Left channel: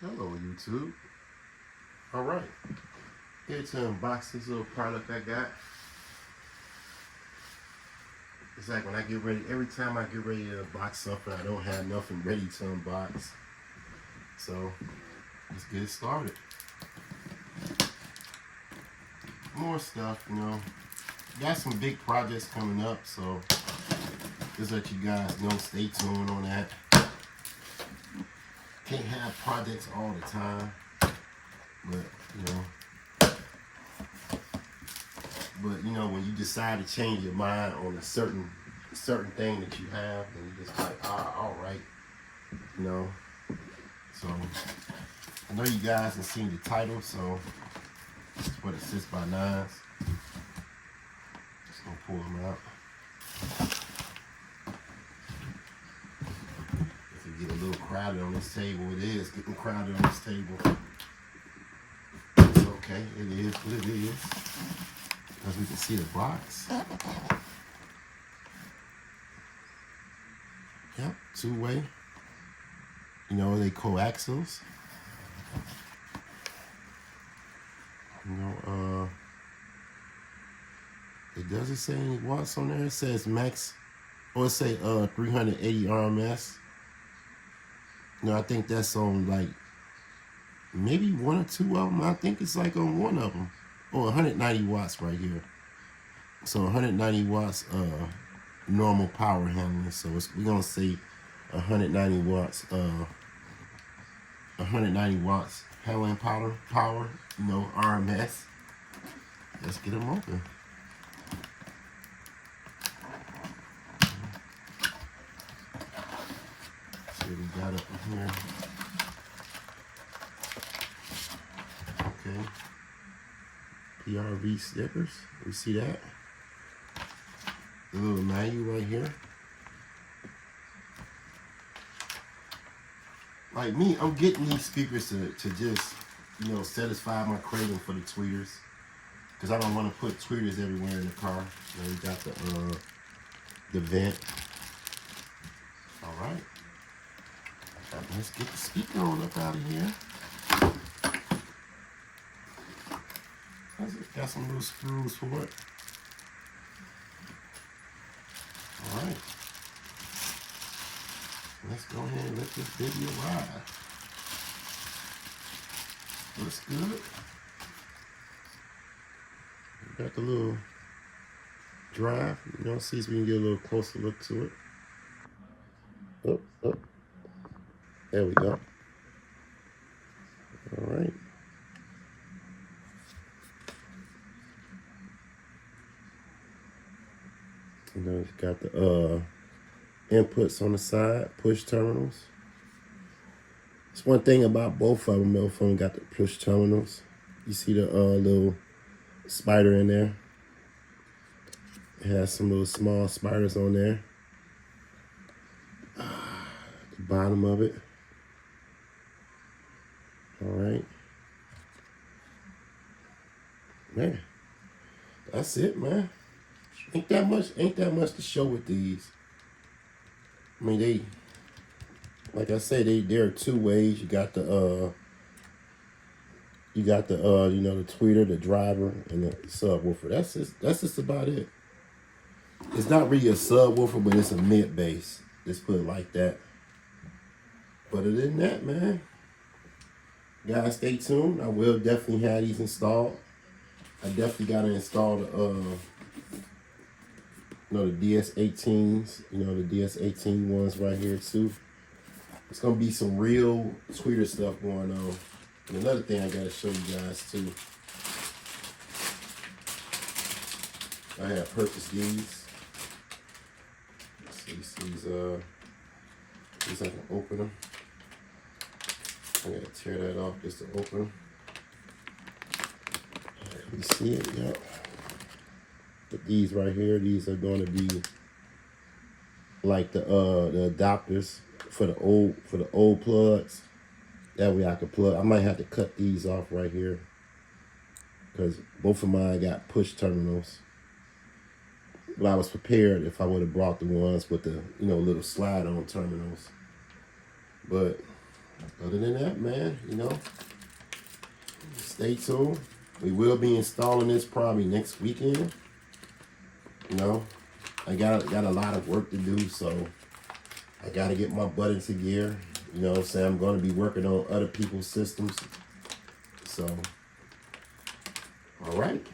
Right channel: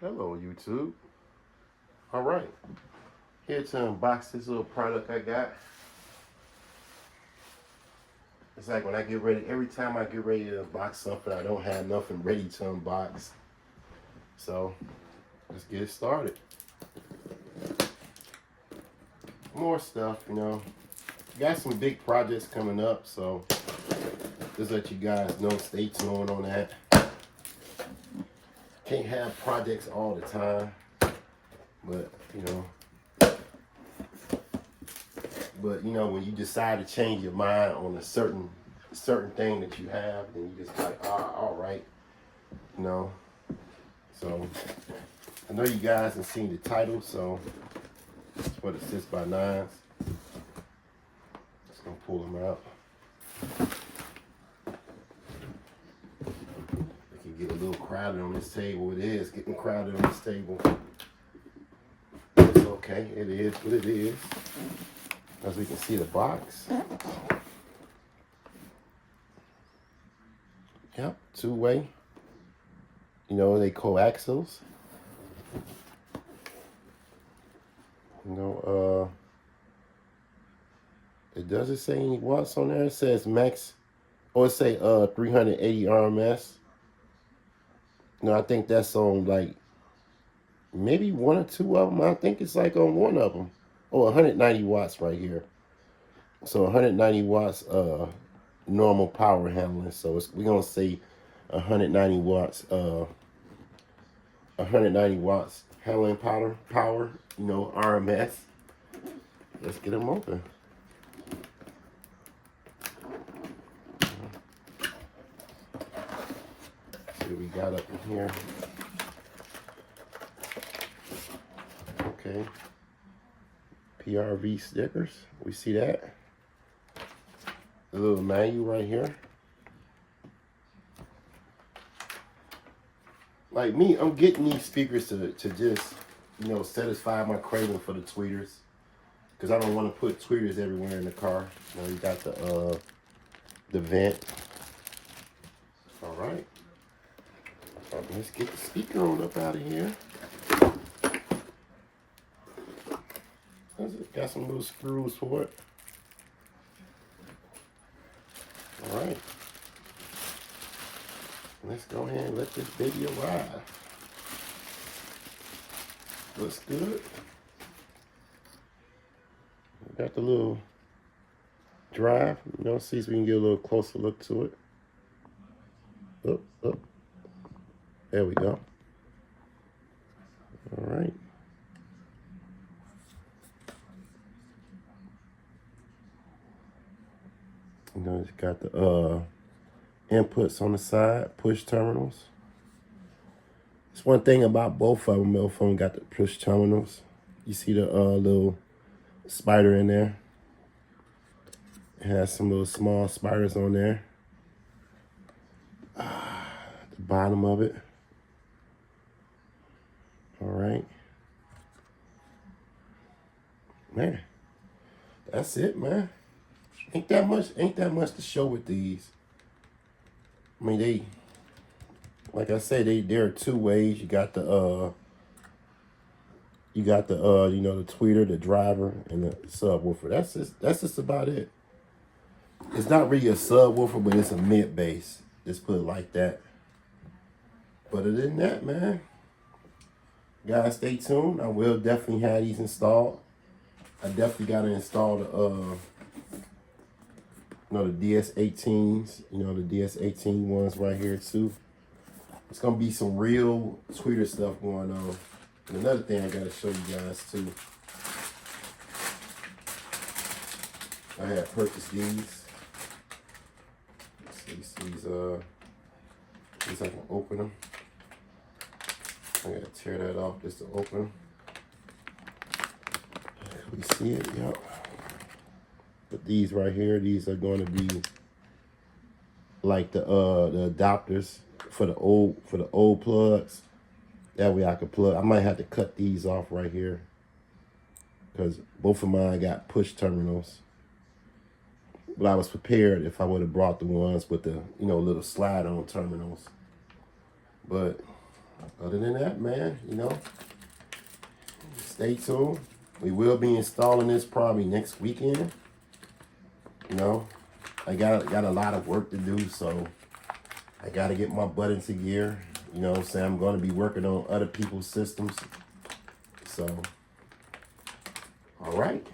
Hello, YouTube. All right, here to unbox this little product I got. It's like when I get ready, every time I get ready to unbox something, I don't have nothing ready to unbox. So let's get it started. More stuff, Got some big projects coming up, so just let you guys know, stay tuned on that. Can't have projects all the time, but when you decide to change your mind on a certain thing that you have, then you just like, all right, So I know you guys have seen the title, so it's for the 6x9s. Just gonna pull them out. If you get a little crowded on this table, it is getting crowded on this table. It's okay, it is what it is. As we can see the box. Yep, two-way. They coaxials. It doesn't say any watts on there. It says max, or it say 380 RMS. I think that's on like maybe one or two of them. I think it's like on one of them. Oh, 190 watts right here. So 190 watts normal power handling. So we're gonna say 190 watts 190 watts handling power, RMS. Let's get them open. See what we got up in here. Okay. PRV stickers. We see that. The little manual right here. Like me, I'm getting these speakers to just, satisfy my craving for the tweeters. Because I don't want to put tweeters everywhere in the car. You got the vent. All right. Let's get the speaker on up out of here. Got some little screws for it. All right. Let's go ahead and let this baby arrive. Looks good. Got the little drive. See if we can get a little closer look to it. Oh. There we go. All right. It's got the inputs on the side, push terminals. It's one thing about both of them. Both of them got the push terminals. You see the little spider in there. It has some little small spiders on there. The bottom of it. All right. Man, that's it, man. Ain't that much to show with these. I mean, like I said, they're two ways. You got the the tweeter, the driver, and the subwoofer. That's just about it. It's not really a subwoofer, but it's a mid bass. Let's put it like that. But other than that, man, guys, stay tuned. I will definitely have these installed. I definitely got to install the DS18s, the DS18 ones right here too. It's gonna be some real tweeter stuff going on. And another thing I gotta show you guys too. I have purchased these. These I can open them. I gotta tear that off just to open them. You see it, yep. But these right here, these are going to be like the adapters for the old plugs. That way I can plug. I might have to cut these off right here because both of mine got push terminals. But I was prepared if I would have brought the ones with the little slide-on terminals. But other than that, man, you know, stay tuned. We will be installing this probably next weekend. You know, I got a lot of work to do, so I got to get my butt into gear. You know what I'm saying? I'm going to be working on other people's systems. So, all right.